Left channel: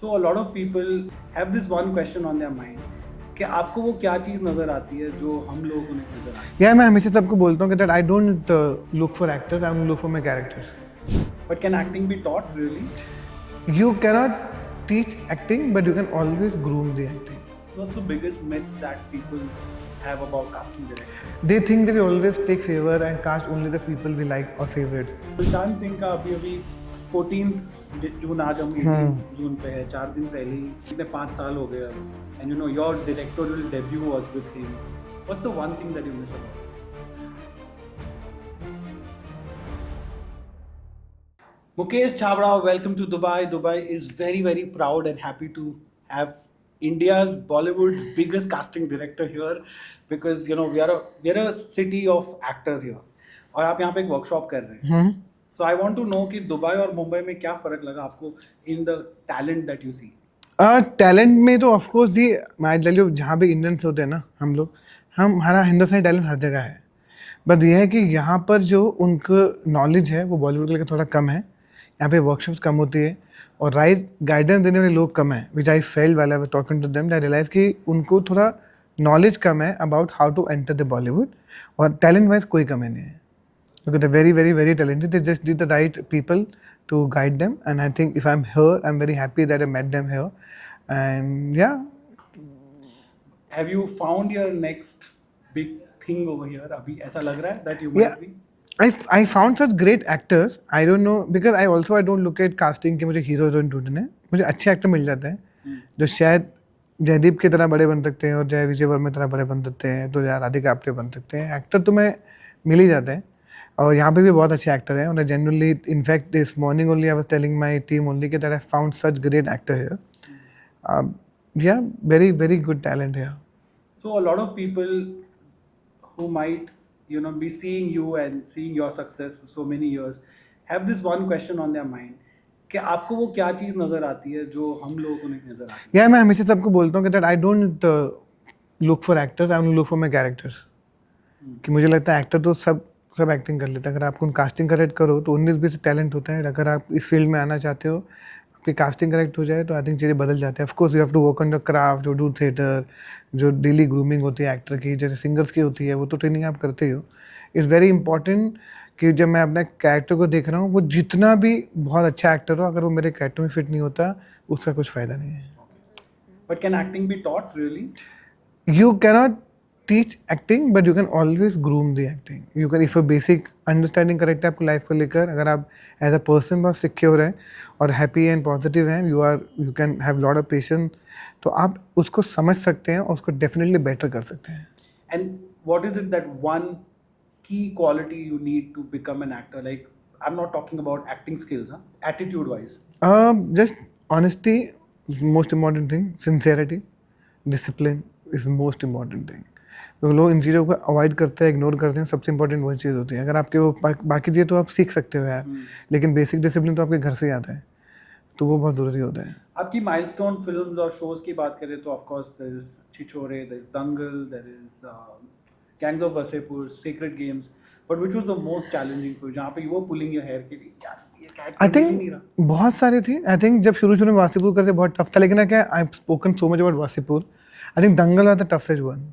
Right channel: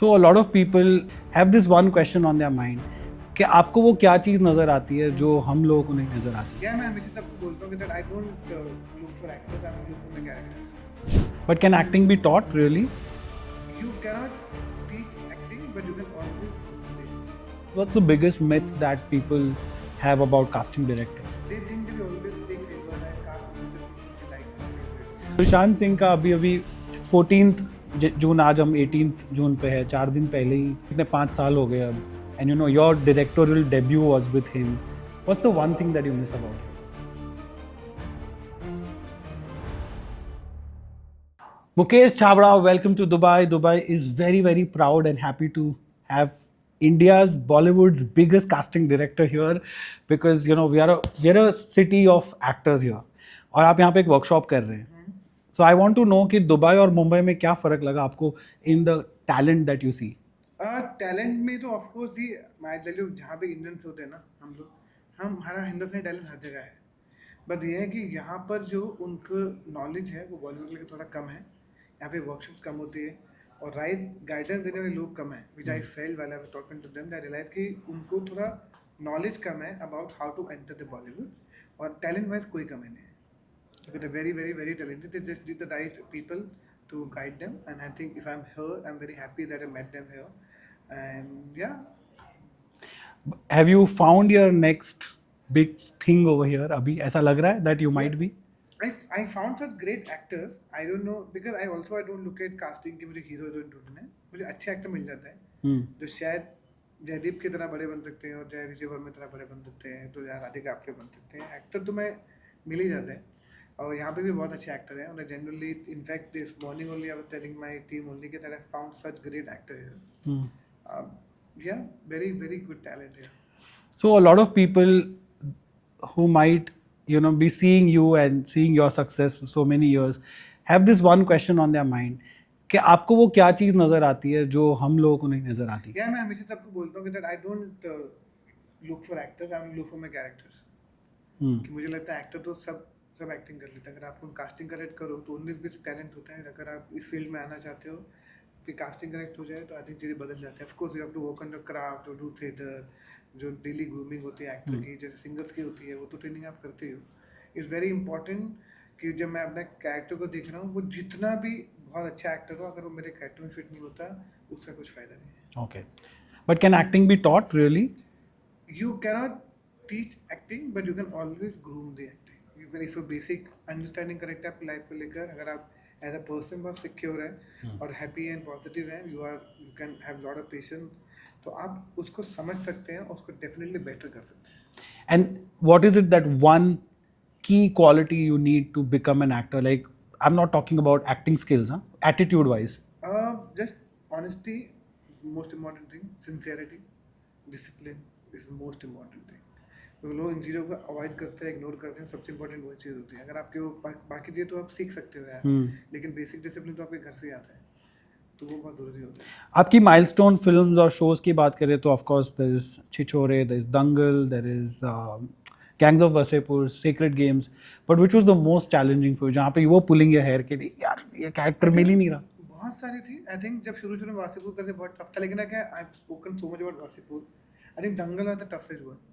So a lot of people have this one question on their mind कि आपको वो क्या चीज़ नज़र आती है जो हम लोगों को नहीं नज़र आती. या मैं हमेशा सबको बोलता हूँ कि that I don't look for actors, I look for my characters. But can acting be taught really? You cannot teach acting, but you can always groom the acting. What's the biggest myth that people have about casting directors? They think that we always take favor and cast only the people we like or favorites. Sushant सिंह का अभी 14th जून, आज हम 18th जून पे है, 4 दिन पहले ही इतने 5 साल हो गए अब. And you know your directorial debut was with him. What's the one thing that you miss about it? Mukesh Chabra, welcome to Dubai. Dubai is very, very proud and happy to have India's Bollywood's biggest casting director here because you know we're a city of actors here. और आप यहाँ पे एक वर्कशॉप कर रहे हैं. So I want to know कि दुबई और मुंबई में क्या फ़र्क लगा आपको in the talent that you see? Talent में तो ऑफकोर्स ये मैं टेल यू, जहाँ पे इंडियंस होते हैं ना हम लोग, हमारा हिंदुस्तानी टैलेंट हर जगह है. बस ये है कि यहाँ पर जो उनको नॉलेज है वो बॉलीवुड के लिए थोड़ा कम है. यहाँ पे वर्कशॉप्स कम होती है और राइट गाइडेंस देने वाले लोग कम है. Which I felt while I was talking to them, I realize कि उनको थोड़ा नॉलेज कम है about how to enter the Bollywood. और टैलेंट वाइज कोई कमी नहीं है, क्योंकि they very very very talented. They just need the right people to guide them, and I think if I'm here, I'm very happy that I met them here. And yeah. Have you found your next big thing over here? अभी ऐसा लग रहा है that you might be? I found such great actors. I don't know because I don't look at casting कि मुझे hero heroine ढूंढने हैं. मुझे अच्छे एक्टर मिल जाते हैं जो शायद जयदीप की तरह बड़े बन सकते हैं और जय विजय वर्मा की तरह बड़े बन सकते हैं, तो या राधिका आप्टे बन सकते हैं. एक्टर तो मैं मिल ही जाते हैं और यहाँ पे भी बहुत अच्छे एक्टर हैं. और generally in fact this morning only I was telling my team only कि that I found such great actor here. Yeah, very very good talent here. So a lot of people who might be seeing you and seeing your success for so many years have this one question on their mind कि आपको वो क्या चीज़ नज़र आती है जो हम लोगों को नहीं नज़र आती. मैं हमेशा सबको बोलता हूँ कि that I don't look for actors, I look for my characters. कि मुझे लगता है एक्टर तो सब एक्टिंग कर लेते हैं. अगर आपको कास्टिंग करेक्ट करो तो 19-20 टैलेंट होता है. अगर आप इस फील्ड में आना चाहते हो, आपकी कास्टिंग करेक्ट हो जाए तो आई थिंक चीज़ें बदल जाते हैं. Of course you have to work on the craft, जो डू थिएटर, जो डेली ग्रूमिंग होती है एक्टर की, जैसे सिंगर्स की होती है, वो तो ट्रेनिंग आप करते ही हो. इट्स वेरी इंपॉर्टेंट कि जब मैं अपने कैरेक्टर को देख रहा हूँ, वो जितना भी बहुत अच्छा एक्टर हो, अगर वो मेरे कैरेक्टर में फिट नहीं होता, उसका कुछ फ़ायदा नहीं है. Okay, but can acting be taught really? You cannot teach acting, but you can always groom the acting. You can, if a basic understanding correct है आपको लाइफ को लेकर, अगर आप एज अ पर्सन बहुत सिक्योर हैं और हैप्पी एंड पॉजिटिव हैं, you can have lot of patience, तो आप उसको समझ सकते हैं और उसको डेफिनेटली बेटर कर सकते हैं. And what is it that one की quality you need to become an actor? Like I am not talking about acting skills, attitude wise. Just honesty is most important thing. Sincerity, discipline is most important thing. तो लोग इन चीज़ों को अवॉइड करते हैं, इग्नोर करते हैं. सबसे इंपॉर्टेंट वही चीज़ होती है. अगर आपके वो बाकी चीज़ें तो आप सीख सकते हो यार, लेकिन बेसिक डिसिप्लिन तो आपके घर से ही आता है, तो वो बहुत ज़रूरी होता है. आपकी माइलस्टोन फिल्म्स और शोज की बात करें तो of course there is Chhichhore, there is Dangal, there is Gangs of Wasseypur, Sacred Games. But which was the most challenging for, जहाँ पे you were pulling your hair के लिए यार ये कैरेक्टर मिल ही नहीं रहा? बहुत सारे थे. आई थिंक जब शुरू में वासीपुर करते बहुत टफ था, लेकिन क्या I have spoken so much about Wasseypur. I think Dangal was the toughest one.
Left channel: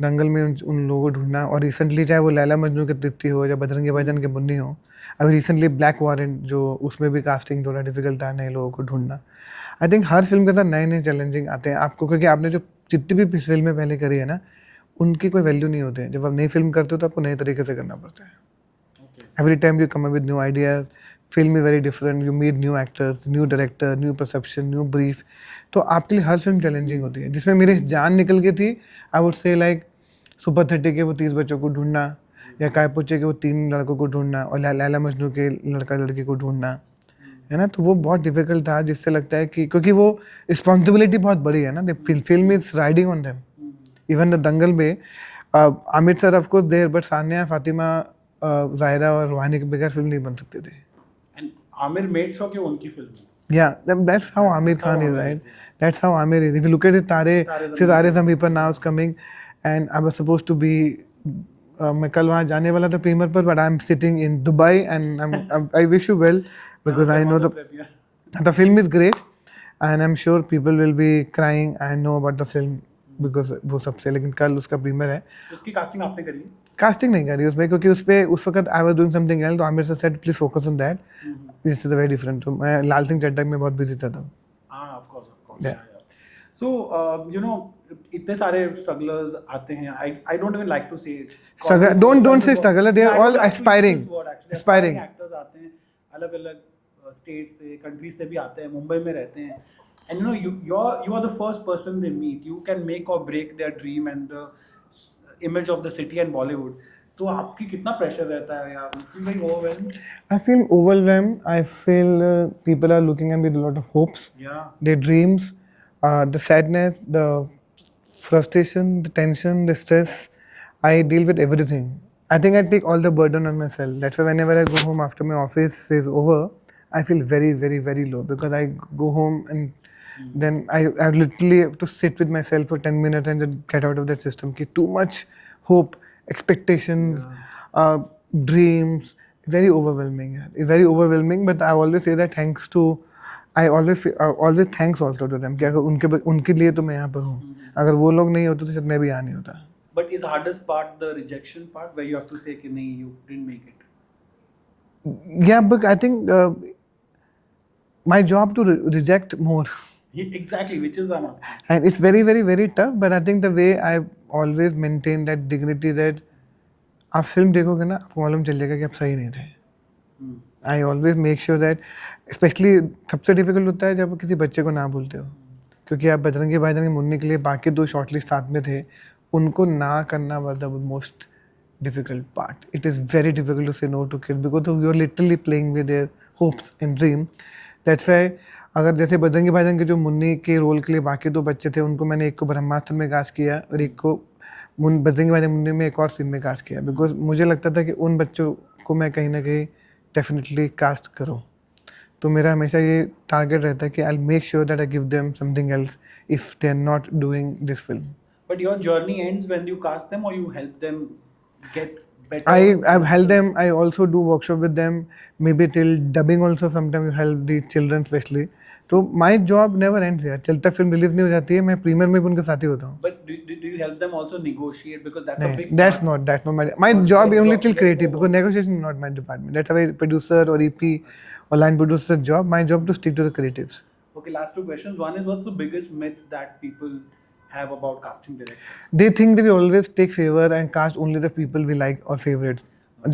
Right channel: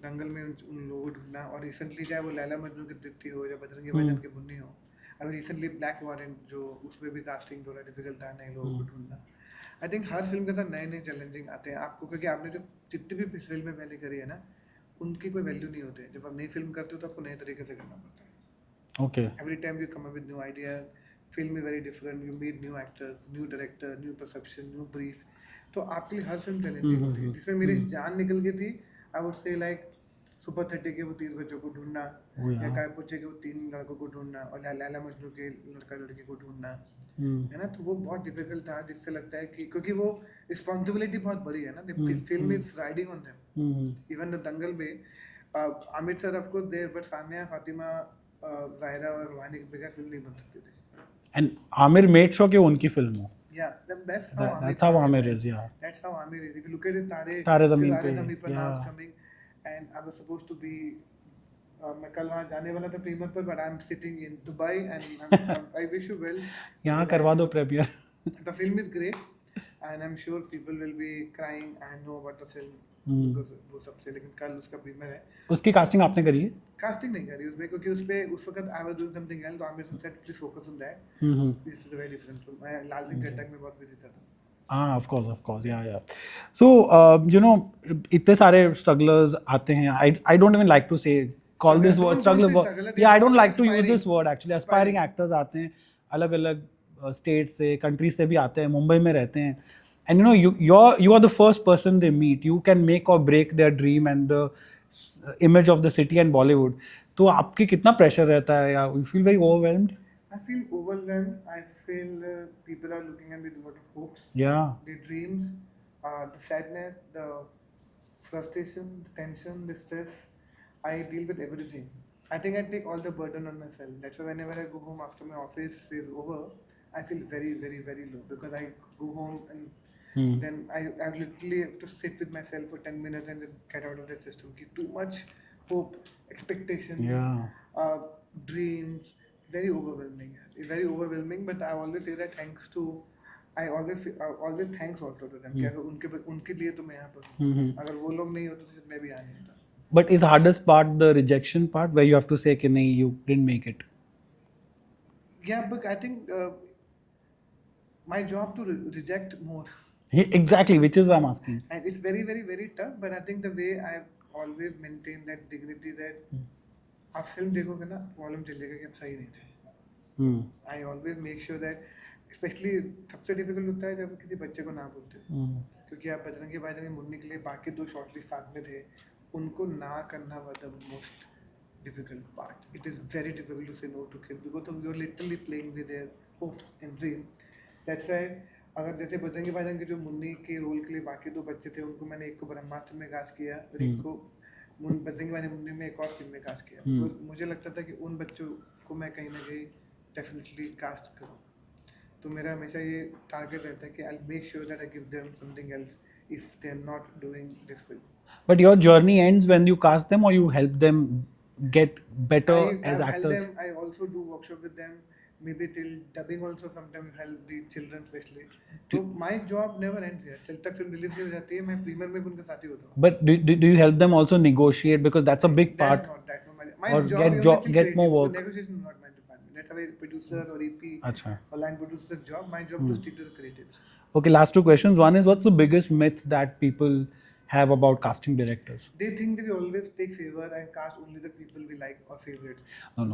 दंगल में उन लोगों को ढूंढना, और रिसेंटली चाहे वो लैला मजनू की तृप्ति हो या बजरंगी भाईजान की मुन्नी हो, अभी रिसेंटली ब्लैक वारंट, जो उसमें भी कास्टिंग थोड़ा डिफिकल्ट था, नए लोगों को ढूंढना. आई थिंक हर फिल्म के साथ नए नए चैलेंजिंग आते हैं आपको, क्योंकि आपने जो जितनी भी फिल्में पहले करी है ना, उनकी कोई वैल्यू नहीं होती है. जब आप नई फिल्म करते हो तो आपको नए तरीके से करना पड़ता है. Okay, every time you come up with new ideas. Film is very different, you meet new actors, new director, new perception, new brief. तो आपके लिए हर फिल्म चैलेंजिंग होती है. जिसमें मेरी जान निकल गई थी, I would say like super 30 के वो 30 बच्चों को ढूंढना, या कायपुचे के वो 3 लड़कों को ढूंढना, और लैला मजनू के लड़का लड़की को ढूंढना, है ना. तो वो बहुत डिफिकल्ट था, जिससे लगता है कि क्योंकि वो रिस्पॉन्सिबिलिटी बहुत बड़ी है ना. Film is riding on them. Even the Dangal में Aamir sir of course there, but Sania, Fatima, Zaira और रूहानी के बगैर फिल्म नहीं बन सकती थी. एंड आमिर मेड श्योर कि उनकी फिल्म हो. Yeah, that's how Amir Khan is, right? Yeah. That's how Amir is. If you look at it, Tare Zameen Par now is coming, and I was supposed to be. मैं कल वहाँ जाने वाला था प्रीमियर पर, but I'm sitting in Dubai, and I wish you well because I know the film is great. and I'm sure people will be crying. I know about the film because वो सबसे, लेकिन कल उसका प्रीमियर है. उसकी कास्टिंग आपने करी है? कास्टिंग नहीं करी उसमें, क्योंकि उस पे उस वक्त I was doing something else, तो Aamir sir said please focus on that, this is very different. तो मैं लाल सिंह चड्ढा में बहुत बिजी था तब. Of course, yeah. So, you know, इतने सारे strugglers आते हैं. I don't even like to say. Struggle, don't say struggle. They are all aspiring. This word actually. Aspiring actors आते हैं, अलग-अलग स्टेट से, कंट्री से भी आते हैं, मुंबई में रहते हैं. And you know, you are the first person they meet. You can make or break their dream and the image of the city and Bollywood. तो आपकी कितना प्रेशर रहता है, या you feel very overwhelmed? I feel overwhelmed. I feel people are looking at me with a lot of hopes. Yeah. Their dreams, the sadness, the frustration, the tension, the stress. I deal with everything. I think I take all the burden on myself. That's why whenever I go home after my office is over, I feel very, very, very low, because I go home and then I literally have to sit with myself for 10 minutes and then get out of that system. Too much hope, expectations, dreams. Very overwhelming, very overwhelming. But I always say that thanks to, I always thanks also to them. कि अगर उनके लिए तो मैं यहाँ पर हूँ. अगर वो लोग नहीं होते तो शायद मैं भी यहाँ नहीं होता. But is hardest part the rejection part, where you have to say कि नहीं, you didn't make it? Yeah, but I think my job to reject more. Exactly, which is why I'm asking. And it's very, very, very tough. But I think the way I always maintain that dignity, that आप फिल्म देखोगे ना, आपको मालूम चल जाएगा कि आप सही नहीं थे. I always make sure that, specially सबसे डिफिकल्ट होता है जब किसी बच्चे को ना बोलते हो, क्योंकि आप बजरंगी भाईजान के मुन्नी के लिए बाकी 2 शॉर्टलिस्ट साथ में थे, उनको ना करना was the most difficult part. It is very difficult to say no to kid, because you are literally playing with their hopes and dream. That's why अगर जैसे बजरंगी भाईजान के जो मुन्नी के रोल के लिए बाकी 2 बच्चे थे, उनको मैंने एक को ब्रह्मास्त्र में कास्ट किया और एक को बजरंगी भाईजान मुन्नी में एक और सीन में कास्ट किया, बिकॉज मुझे लगता था कि उन बच्चों को मैं कहीं ना कहीं डेफिनेटली कास्ट करूँ. तो मेरा हमेशा ये टारगेट रहता है कि I make sure that I give them something else if they are not doing this film. But your journey ends when you cast them, or you help them get better? I've helped them. I also do workshop with them. Maybe till dubbing also sometimes you help the children especially. तो my job never ends यार. जब तक film release नहीं हो जाती है, मैं प्रीमियर में भी उनके साथ ही होता हूँ. But do you help them also negotiate, because that's a big that's part? not my job is only till creative, because negotiation is not my department. That's a producer or EP or line producer job. My job to stick to the creatives. Okay, last 2 questions. One is, what's the biggest myth that people have about casting directors? They think that we always take favor and cast only the people we like or favorites.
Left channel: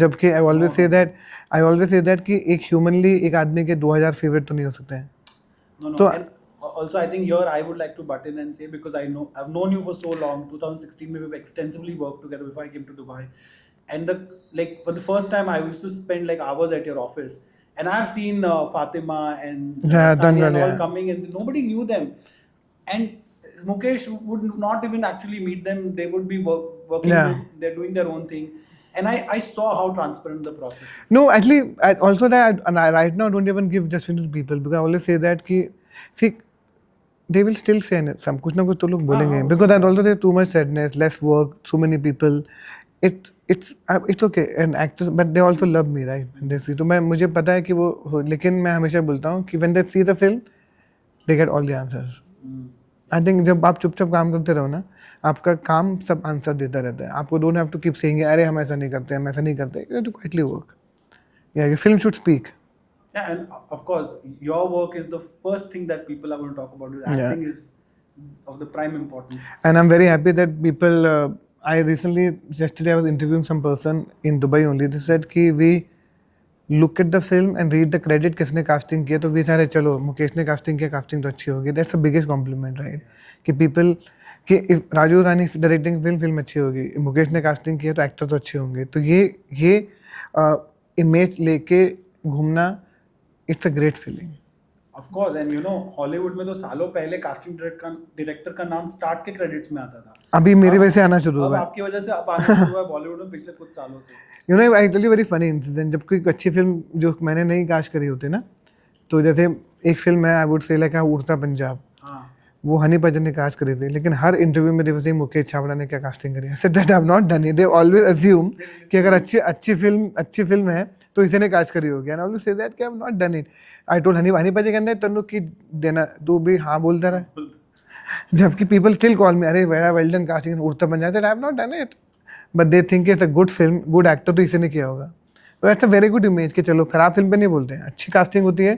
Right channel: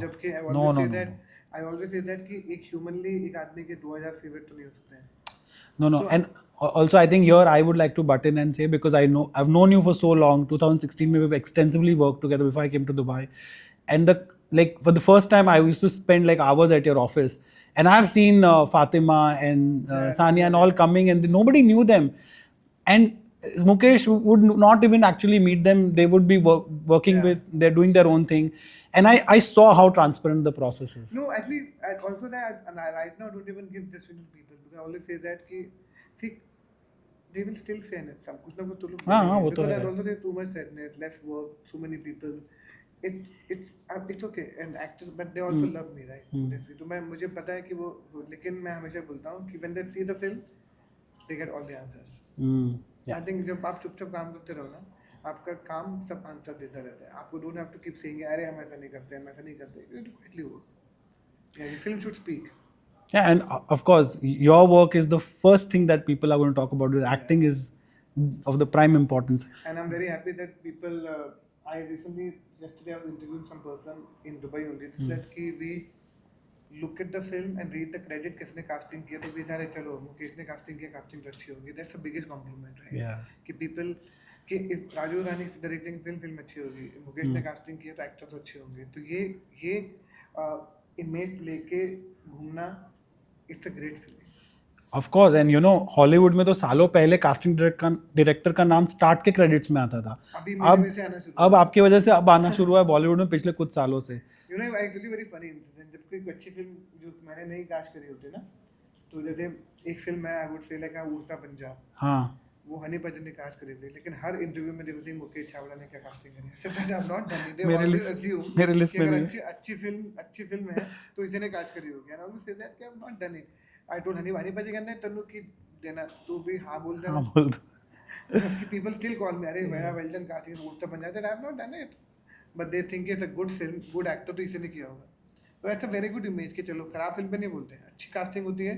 जबकि I always say that कि एक humanly एक आदमी के 2000 favorite तो नहीं हो सकते हैं. No. And also, I think here I would like to butt in and say, because I've known you for so long. 2016 we've extensively worked together before I came to Dubai, and for the first time I used to spend like hours at your office, and I've seen Fatima and Sania and all coming, and nobody knew them, and Mukesh would not even actually meet them. They would be working with, they're doing their own thing. And I saw how transparent the process is. No, actually, also that I right now don't even give just to people, because I always say that कि see, they will still say some कुछ ना कुछ तो लोग बोलेंगे, because I also there's too much sadness, less work, so many people. It's okay, and actors, but they also love me, right? They see, तो मुझे पता है कि वो, लेकिन मैं हमेशा बोलता हूँ कि when they see the film, they get all the answers. I think जब आप चुपचाप काम करते रहो ना, आपका काम सब आंसर देता रहता है. आपको don't have to keep saying अरे हम ऐसा नहीं करते, हम ऐसा नहीं करते. You have to quietly work. या your film should speak. Yeah, and of course your work is the first thing that people are going to talk about. Acting is of the prime importance. And I'm very happy that people I recently, yesterday I was interviewing some person in Dubai only. They said कि we look at the film and read the credit किसने casting किया, तो we सारे चलो मुकेश ने casting किया, casting तो अच्छी होगी. That's the biggest compliment, right? कि people कि if राजू रानी डायरेक्टिंग फिल्म अच्छी होगी, मुकेश ने कास्टिंग किया तो एक्टर तो अच्छे होंगे. तो ये इमेज लेके घूमना, it's a great feeling. Of course, and you know Hollywood में तो सालों पहले कास्टिंग डायरेक्टर का नाम स्टार्ट के क्रेडिट्स में आता था. अभी मेरी वजह से आना शुरू हुआ. अब आपकी वजह से अब आना शुरू हुआ है बॉलीवुड में पिछले कुछ सालों से. You know I tell you very funny incident. जब कोई अच्छी फिल्म जो मैंने नहीं कास्ट करी होती ना, तो जैसे एक फिल्म है, आई वुड से लाइक उड़ता पंजाब, हाँ वो हनी भजन ने कास्ट करी थी, लेकिन हर इंटरव्यू में देखो मुकेश छाबड़ा ने क्या कास्टिंग करी. I said that I have not done it. They always assume कि अगर अच्छी फिल्म है तो इसे ने कास्ट करी होगी. And I always say that कि I have not done it. I told Honey Paaji कहते तनु की देना तू भी हाँ बोलता रहा बोल दो। जबकि पीपल स्टिल कॉल मी अरे वेरा वेल डन कास्टिंग उड़ता बन जाता आई have not done it but they think it's a good film good actor तो इसी ने किया होगा तो that's a very good image कि चलो खराब फिल्म पे नहीं बोलते हैं अच्छी कास्टिंग होती है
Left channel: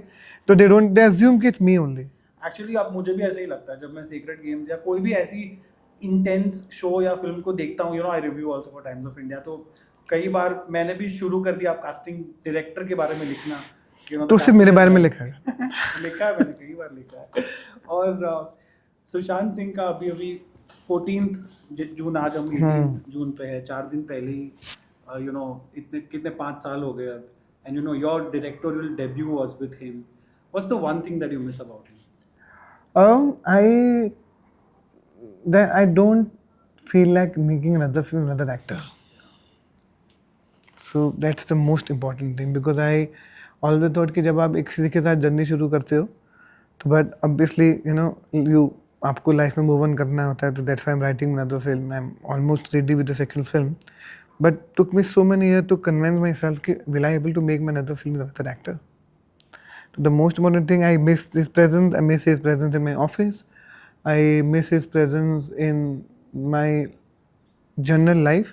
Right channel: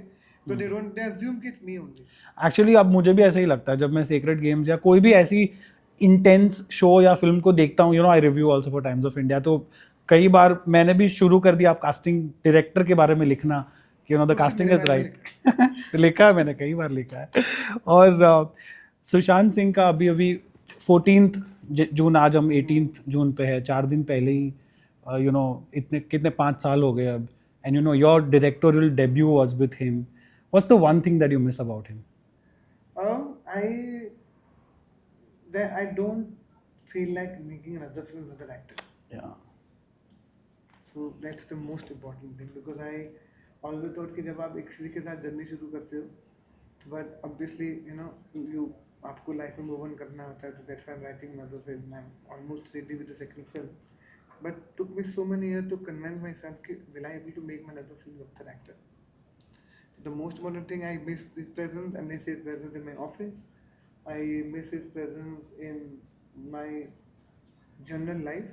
तो दे अज्यूम कि इट्स मी ओनली एक्चुअली अब मुझे भी ऐसा ही लगता है जब मैं सीक्रेट गेम्स या कोई भी ऐसी इंटेंस शो या फिल्म को देखता हूँ, I review also for times of India, तो कई बार मैंने भी शुरू कर दिया आप कास्टिंग डायरेक्टर के बारे में लिखना कि तो सिर्फ मेरे बारे में लिखा है तो लिखा है मैंने कई बार लिखा है। और सुशांत सिंह का अभी 14th जून, आज हम 18th जून पे है, 4 दिन पहले ही इतने कितने 5 साल हो गए अब, and your directorial debut was with him. What's the one thing that you miss about him? I don't feel like making another film, another actor. Yeah. So that's the most important thing because I always thought कि जब आप एक किसी के साथ जर्नी शुरू करते हो तो but obviously आपको लाइफ में मूव ऑन करना होता है तो that's why I'm writing another film. I'm almost ready with the second film, but took me so many years to convince myself कि will I able to make my another film with another actor. So the most important thing, I miss his presence. I miss his presence in my office. I miss his presence in my general life.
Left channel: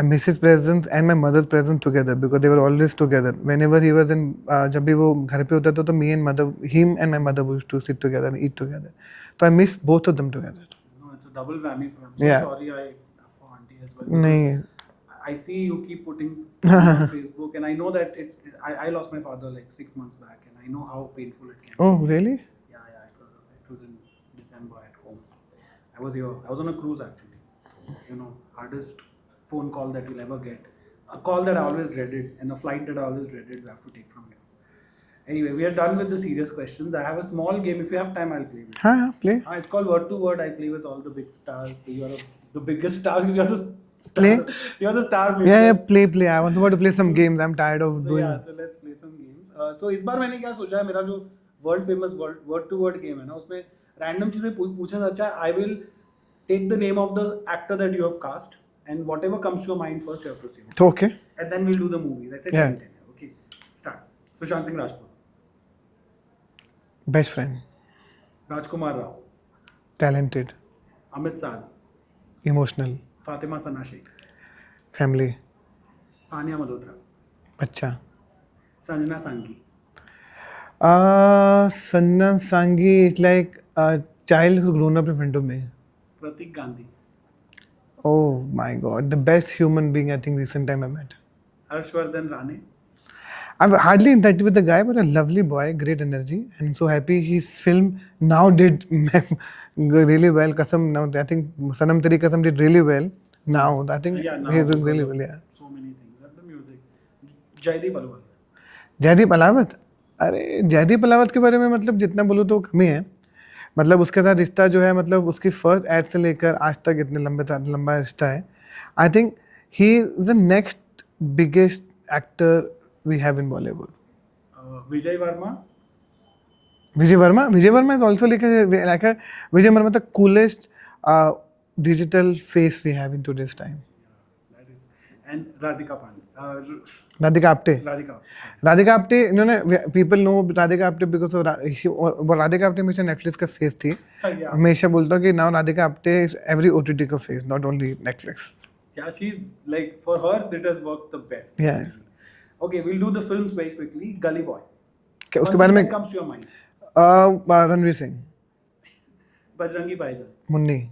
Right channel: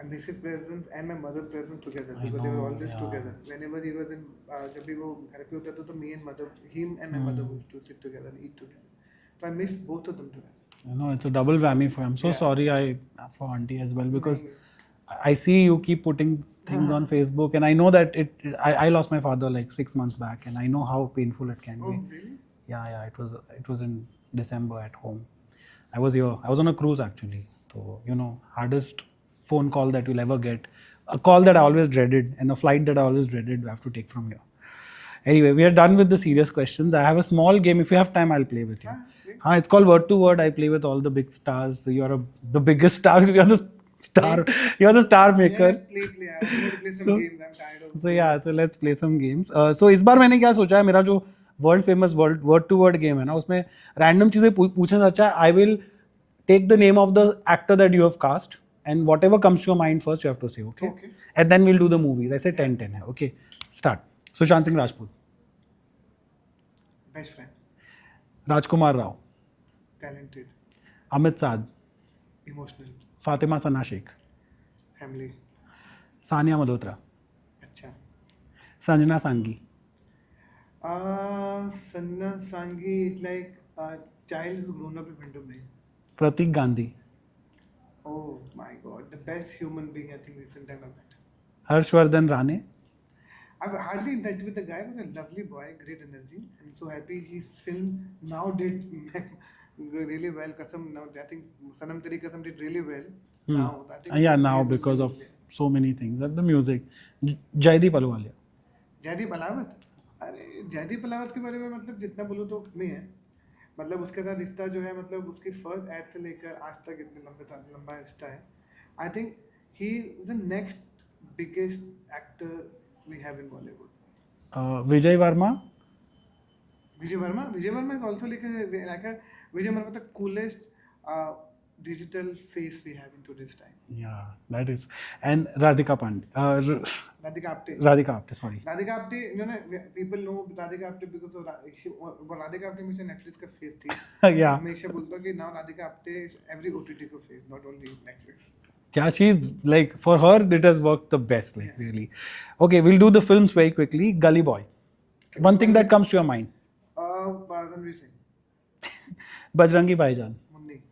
I miss his presence and my mother's presence together because they were always together. Whenever he was in, जब भी वो घर पे होता था तो me and mother, him and my mother used to sit together and eat together. So I miss both of them together. It's a double whammy for him. So Yeah. sorry for auntie as well. Because नहीं I see you keep putting on Facebook, and I know that I lost my father like 6 months back, and I know how painful it can Oh be. really? Yeah, it was in December at home. I was here. I was on a cruise actually. So hardest phone call that you'll ever get, a call that I always dreaded, and a flight that I always dreaded. We have to take from here. Anyway, we are done with the serious questions. I have a small game. If you have time, I'll play with you. हाँ play. It's called Word to Word. I play with all the big stars. So you are the biggest star. You are the star. Play? You are the star maker. Yeah, play. I want to play some games. I'm tired of. So let's play some games. So इस बार मैंने क्या सोचा है, मेरा जो world famous word to word game है ना, उसमें रैंडम चीजें पूछना अच्छा है। I will take the name of the actor that you have cast and whatever comes to your mind first you have to say Okay. And then will do the movies. ऐसे Yeah. 10 है। Okay start. Sushant Singh Rajput, Best friend. Rajkummar Rao, Talented. Amit Sadh, Emotional. Fatima सना शेख, Family. सानिया मल्होत्रा, बच्चा. संजना सांगी, Sanna Sangi is like a child who's grown up in front of me. Prateek Gandhi, Oh my God, the best human being I think recent time I met. Harshvardhan Rane, I've hardly interacted with the guy, but a lovely boy, great energy, and so happy his film now did really well. Kasam now I think Sanam Teri Kasam did really well. Now I think now he's doing because really of well. Yeah. so many things, the music. Jaideep अहलूवालिया, जयदीप अलावत, अरे जयदीप अलावत के बारे में मतलब जितना बोलूँ तो कम ही है। मतलब उसके साथ रिश्ता जो है, मतलब उसकी फर्स्ट एड से लेकर आज तक इतने लंबा रिश्ता है। I think he is the next biggest actor we have in Bollywood. Vijay Varma, Vijay Varma is also like Vijay Varma the coolest digital face we have in today's time. that is, and Radhika Pandey, Radhika Apte, sorry. Radhika Apte, इन्होंने people know Radhika Apte because Radhika Apte हमेशा Netflix का फेस थी। Yeah. हमेशा बोलता हूँ कि now Radhika Apte is every OTT का फेस, not only Netflix. Yeah, she's like, for her it has worked the best. Yeah. Really. Okay, we'll do the films very quickly. Gully Boy. उसके One बारे thing में that comes to your mind. Ranveer सिंह, बजरंगी भाईजान. Munni.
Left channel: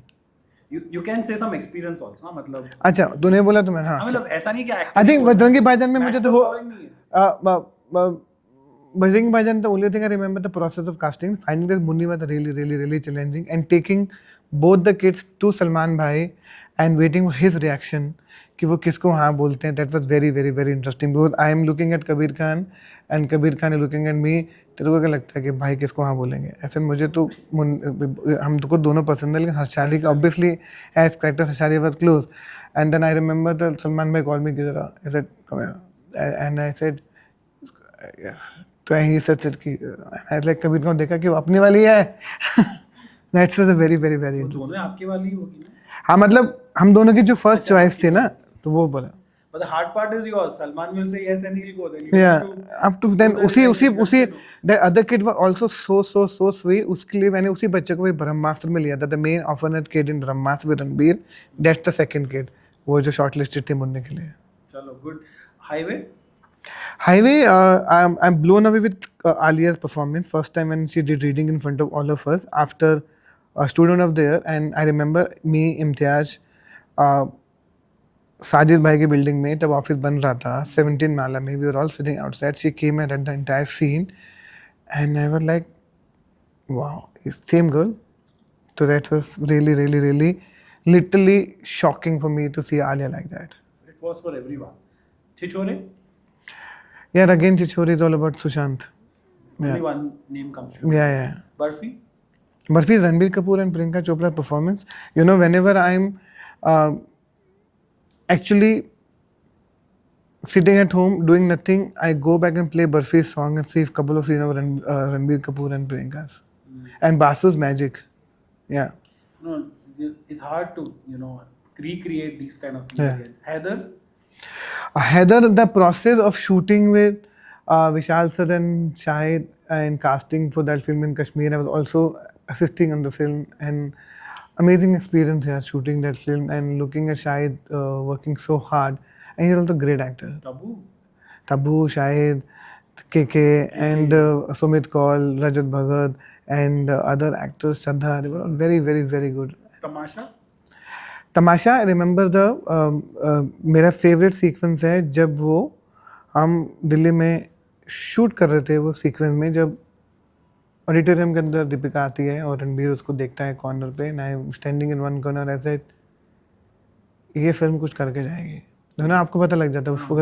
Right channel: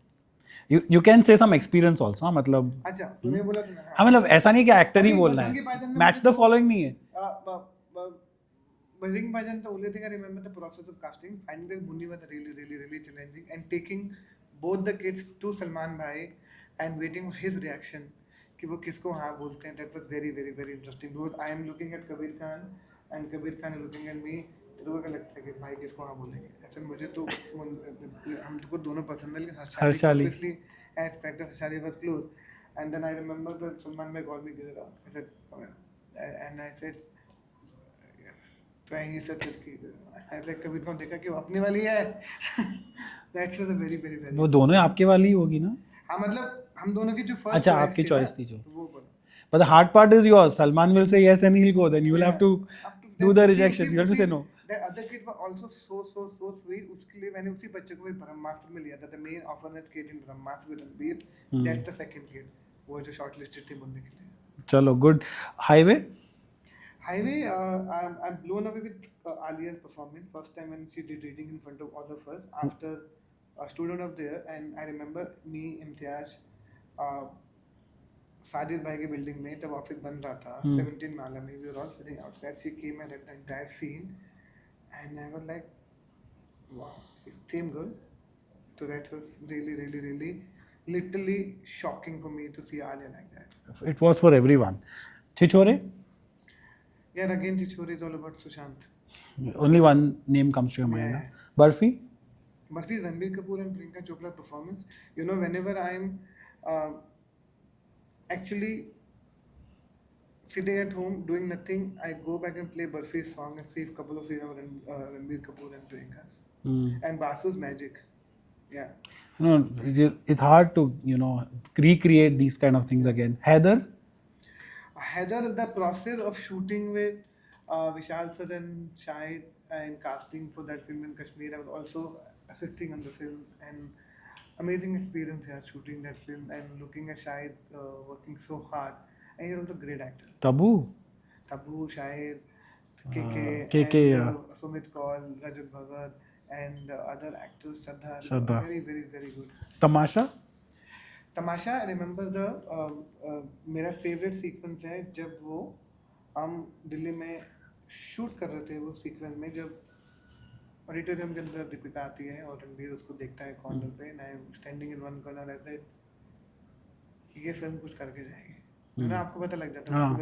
You can say some experience also. मतलब अच्छा तूने बोला तो मैं, हाँ मतलब ऐसा नहीं कि एक्टर आई थिंक बजरंगी भाईजान में मुझे तो फॉलोइंग नहीं है। बजरंगी भाईजान, the only thing I remember the process of casting, finding this Munni was really challenging, and taking both the kids to Salman bhai and waiting for his reaction कि वो किसको हाँ बोलते हैं। that was very interesting because I am looking at Kabir Khan and Kabir Khan is looking at me। तेरे को क्या लगता है कि भाई किसको हाँ बोलेंगे? ऐसे मुझे तो हम तो को दोनों पसंद है, लेकिन हर्षाली का obviously as character Harshali was close, and then I remember the Salman bhai called me कि जरा, I said come here, and I said तो ही सच कि लाइक कबीर को देखा कि वो अपनी वाली है। दैट्स अ वेरी वो दोनों आपके वाली ही होगी ना? हाँ मतलब हम दोनों की जो फर्स्ट अच्छा, चॉइस आपकी थी ना, choice थी जो। तो वो बोला। But the hard part is yours. Salman will say yes and he'll go. Then you have to up to do then the उसी rejection. You have to say no. that other kid was also so sweet. उसके लिए मैंने उसी बच्चे को भी ब्रह्मास्त्र में लिया था. The main orphanage kid in Brahmastra with Ranbir. That's the second kid. वो जो shortlisted थे मुन्ने के लिए. Chalo, good. Highway? Highway, I'm blown away with Alia's performance. First time when she did reading in front of all of us after Student of the Year, and I remember me, Imtiaz, Sajid भाई की बिल्डिंग में तब ऑफिस बन रहा था 17 माला में. We were all sitting outside. She came and read the entire scene, and I was like, wow, same girl. So that was really literally shocking for me to see Alia like that. It was for everyone. Chichore? Yeah, again, Chichori is all about Sushant. Only one name comes to your mind. Yeah. Barfi? Barfi is Ranbir Kapoor and Priyanka Chopra's performance. You know, whenever I'm actually sitting at home doing nothing, I go back and play Barfi's song and see a couple of scenes of Ranbir Kapoor and Priyanka's. And Basu's magic. Yeah. No, it's hard to, recreate these kind of things again. Heather? Heather, the process of shooting with Vishal sir and Shahid and casting for that film in Kashmir, I was also assisting on the film, and amazing experience here shooting that film and looking at Shahid working so hard, and he's also a great actor. Tabu, Shahid, KK. And Sumit Kaul, Rajat Bhagat, and other actors, Shraddha, they were very good. Tamasha? Tamasha, I remember मेरा favourite sequence है जब वो हम दिल्ली में शूट कर रहे थे वो सीक्वेंस में जब ऑडिटोरियम के अंदर दीपिका आती है और रणबीर उसको देखता है कॉर्नर पे and I standing in one corner ऐसे ये फिल्म कुछ करके जाएगी. ना आपको पता लग जाता है उसको,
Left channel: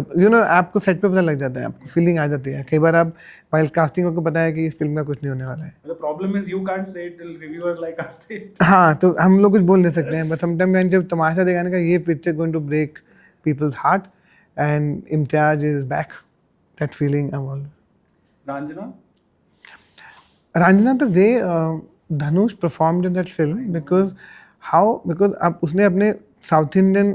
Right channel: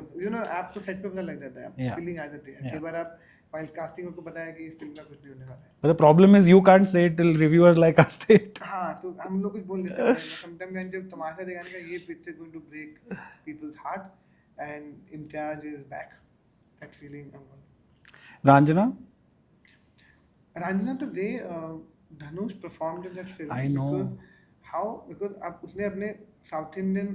आपको सेट पे पता लग जाता है, आपको फीलिंग आ जाती है. कई बार आप फाइल कास्टिंग को पता है कि इस फिल्म में कुछ नहीं होने वाला है. The problem is you can't say it till reviewers like us say it. हाँ, तो हम लोग कुछ बोल नहीं सकते हैं, बट समटाइम जब तमाशा दिखाने का ये picture going to break people's heart and Imtiaz is back, that feeling I want. Ranjana, the way Dhanush performed in that film, because अब उसने अपने साउथ इंडियन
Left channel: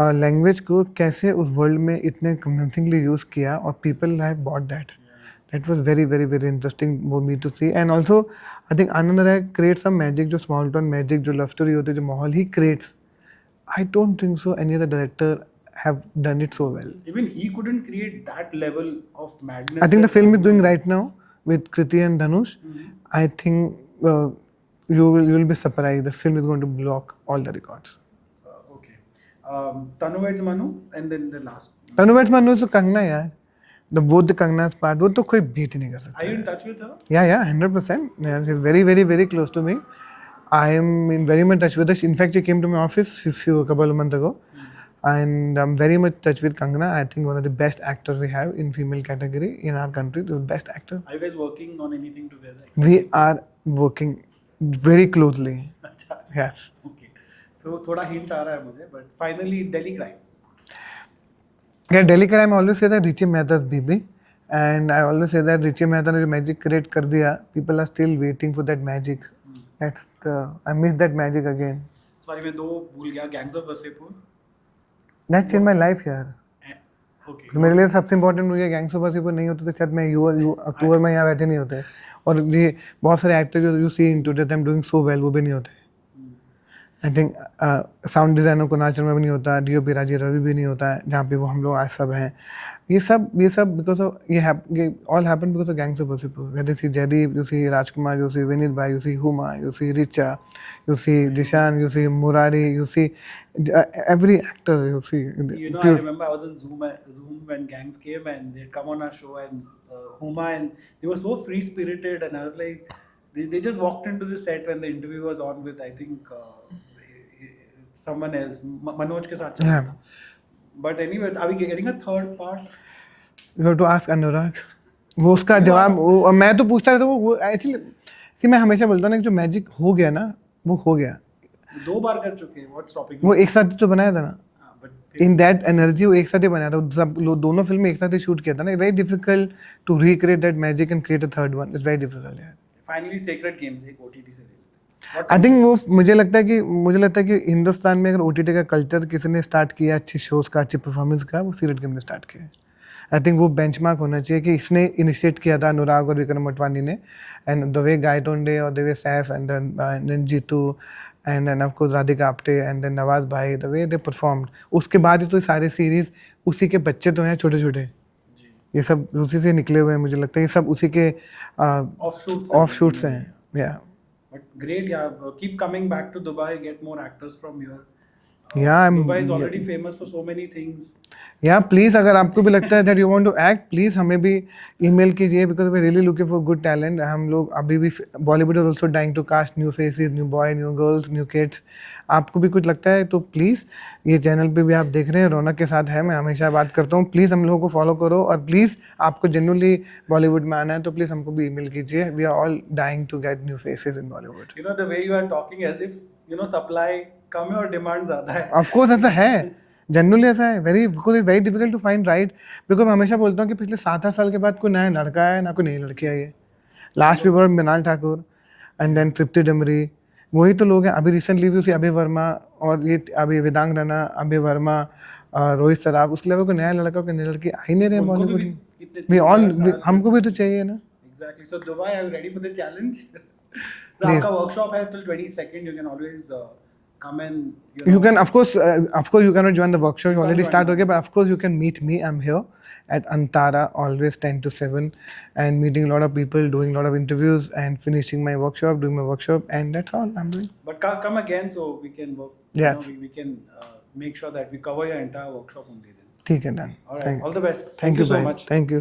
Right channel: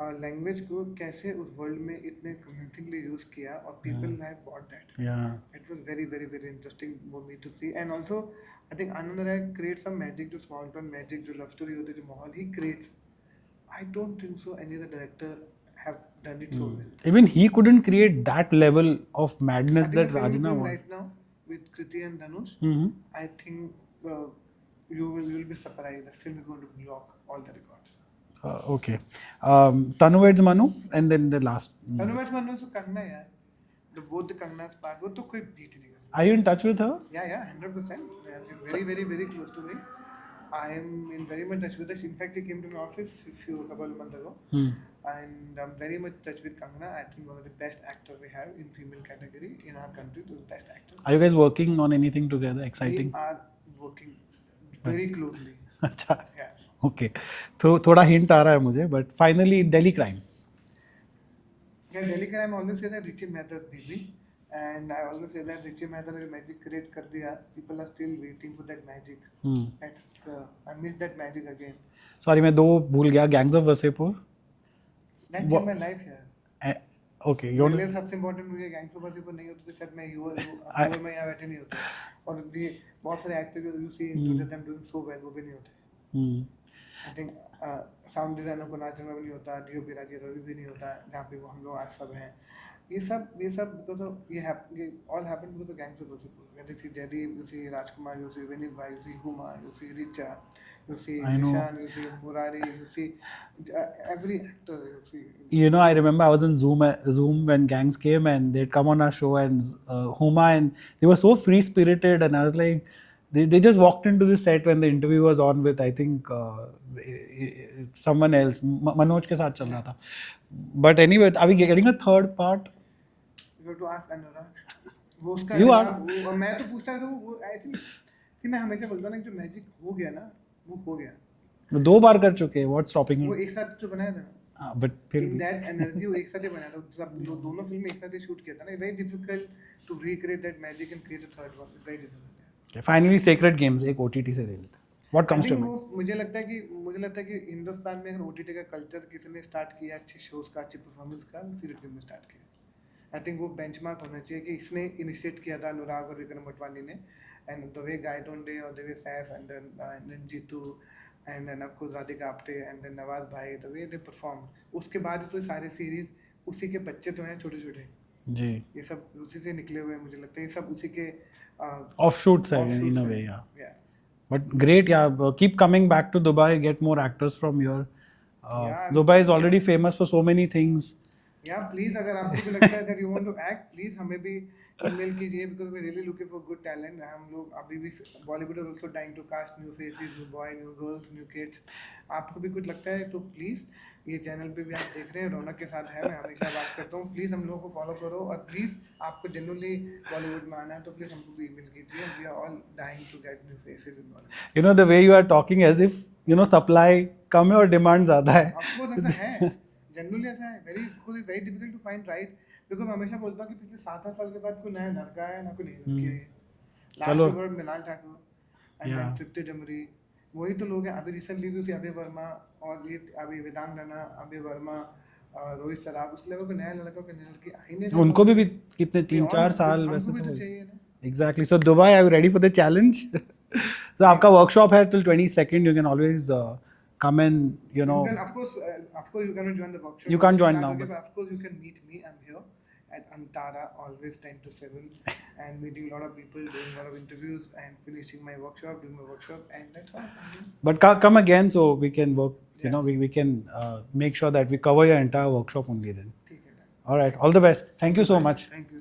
लैंग्वेज को कैसे उस वर्ल्ड में इतने कन्विंसिंगली यूज किया और people have bought that. That was very interesting for me to see. And also I think Anand Rai create some magic, जो स्मॉल टाउन मैजिक, जो लव स्टोरी होती है, जो माहौल ही creates. I don't think so any other director have done it so well. Even he couldn't create that level of madness. I think the film is doing right now with Kriti and Dhanush. I think you will be surprised. The film is going to block all the records. Okay. Tanu Waits Manu, and then the last. Tanu Waits Manu is Kangna, यार. Both the Kangna's part, वो तो कोई beat नहीं कर सकता. Are you in touch with her? Yeah, 100%. Yeah, she's very close to me. I am in very much touch with her. In fact, she came to my office a couple of months ago. And I'm very much touch with Kangana. I think one of the best actors we have in female category in our country. The best actor. Are you guys working on anything together? Exciting? We are working very closely. अच्छा. Yes. Okay. तो थोड़ा hint आ रहा है मुझे, but finally Delhi Crime. Yeah, Delhi Crime. I always say that Richie Mehta's BB, and I always say that Richie Mehta ने जो magic create कर दिया, people are still waiting for that magic. I miss that magic again. Sorry, मैं दो भूल गया. Gangs of Wasseypur. That changed my life यार. Okay. मेरे लिए सबसे इम्पोर्टेंट मुझे गैंग्स ऑफ वासेपुर नहीं होते तो शायद मैं अक्टूबर में यहाँ बैठे नहीं होते. और ये बहुत सारे एक्टर जो you see in today them doing so well वो भी नहीं होते. आई थिंक साउंड डिजाइनर को नाचर में भी नहीं होता, डीओपी राजीव रवि भी नहीं होता है, जहाँ पे वो हम लोग आज सब हैं. ये सब बिकॉज ऑफ ये all happen because of gangs of Wasseypur. Whether you see Jaideep, you see Rajkummar, you see Vineet bhai, you see Huma, you see Richa, you see Dishan, you see Murari, you see every actor, you see. I remember I was in Zoom when Gangs came and they'd come on our show and Huma, and they were so free spirited, and I was like, they just walked into the set when the interview was on with I think someone else, Manoj के साथ चल रहा था. But anyway, are we getting a third part? You have to ask Anurag. वो उसका जवाब मैं तो पूछता रहता हूँ. वो एक्चुअली मैं हमेशा बोलता हूँ ना कि जो मैजिक हो गया ना वो हो गया. 2 बार कर चुके हैं. What's stopping you? वो एक साथ तो बनाया था ना. But in that energy वो एक साथ ही बनाया था. सब दोनों फिल्में एक साथ ही शूट किया था ना. Very difficult to recreate that magic and create a third one. It's very difficult. Finally, Sacred Games एक OTT से ले लेते. What आई comes थिंक to वो मुझे लगता है कि हिंदुस्तान में अगर OTT का कल्चर किसी ने स्टार्ट किया अच्छे शोज का, अच्छी परफॉर्मेंस का, वो सीरियल गेम ने स्टार्ट किया है। आई थिंक वो बेंचमार्क होना चाहिए कि इसने इनिशिएट किया था अनुराग और विक्रम मोटवानी ने, एंड द वे गायतोंडे और the way Saif and then Jeetu and then of course Radhika Apte and then Nawaz भाई, द वे दे परफॉर्म्ड, उसके बाद ही तो ये सारे सीरीज, उसी के बच्चे तो हैं छोटे छोटे, जी ये सब उसी से निकले हुए हैं, मुझे लगता है ये सब उसी के offshoots offshoots in a way, हैं। yeah. या But great, yeah. Keep coming back to Dubai. Get more actors from here. Yeah, I'm- Dubai is already famous for so many things. या प्लीज़ अगर आपको भी लगता है that you want to act, please हमें भी ईमेल कीजिए, because we really looking for good talent. हम लोग अभी भी, Bollywood is also dying to cast new faces, new boy, new girls, new kids. आपको भी कुछ लगता है तो प्लीज़, ये चैनल पे भी आप देख रहे हैं, रौनक के साथ है, मैं हमेशा बात करता हूँ, प्लीज़ हम लोगों को फॉलो करो, और प्लीज़ आपको जेन्युइनली बॉलीवुड में आना है तो प्लीज़ हमको भी ईमेल कीजिए। We are all dying to get new faces in Bollywood. You know the way you are talking as if supply कम है और डिमांड ज्यादा है. ऑफ कोर्स ऐसा है, जनरली ऐसा है, because it's very difficult to find right. Because मैं हमेशा बोलता हूँ कि पिछले 7-8 साल के बाद कोई नया लड़का है ना कोई नई लड़की आई है। Last we were Mrunal Thakur and then Tripti Dimri, वही तो लोग हैं। अभी रिसेंटली भी उसी अभय वर्मा और ये अभी वेदांग रैना, अभय वर्मा, रोहित सराफ, उसके अलावा कोई नया लड़का कोई नई लड़की आई नहीं रहे। उनको भी कितने 3-4 साल, हमको भी तो चाहिए ना। Exactly. So Dubai, are you ready for the challenge? So आपका workshop है till 22nd. You can always come and You can, of course, you cannot join the workshop. You You can't already join start now. okay, but of course you can meet me. I'm here at Antara, always 10 to 7, and meeting a lot of people, doing a lot of interviews, and finishing my workshop, doing my workshop, and that's all I'm doing. But come again so we can work. Yes. We can make sure that we cover your entire workshop only then. ठीक है, done. All right. All the best. Thank you so bhai. much. Thank you.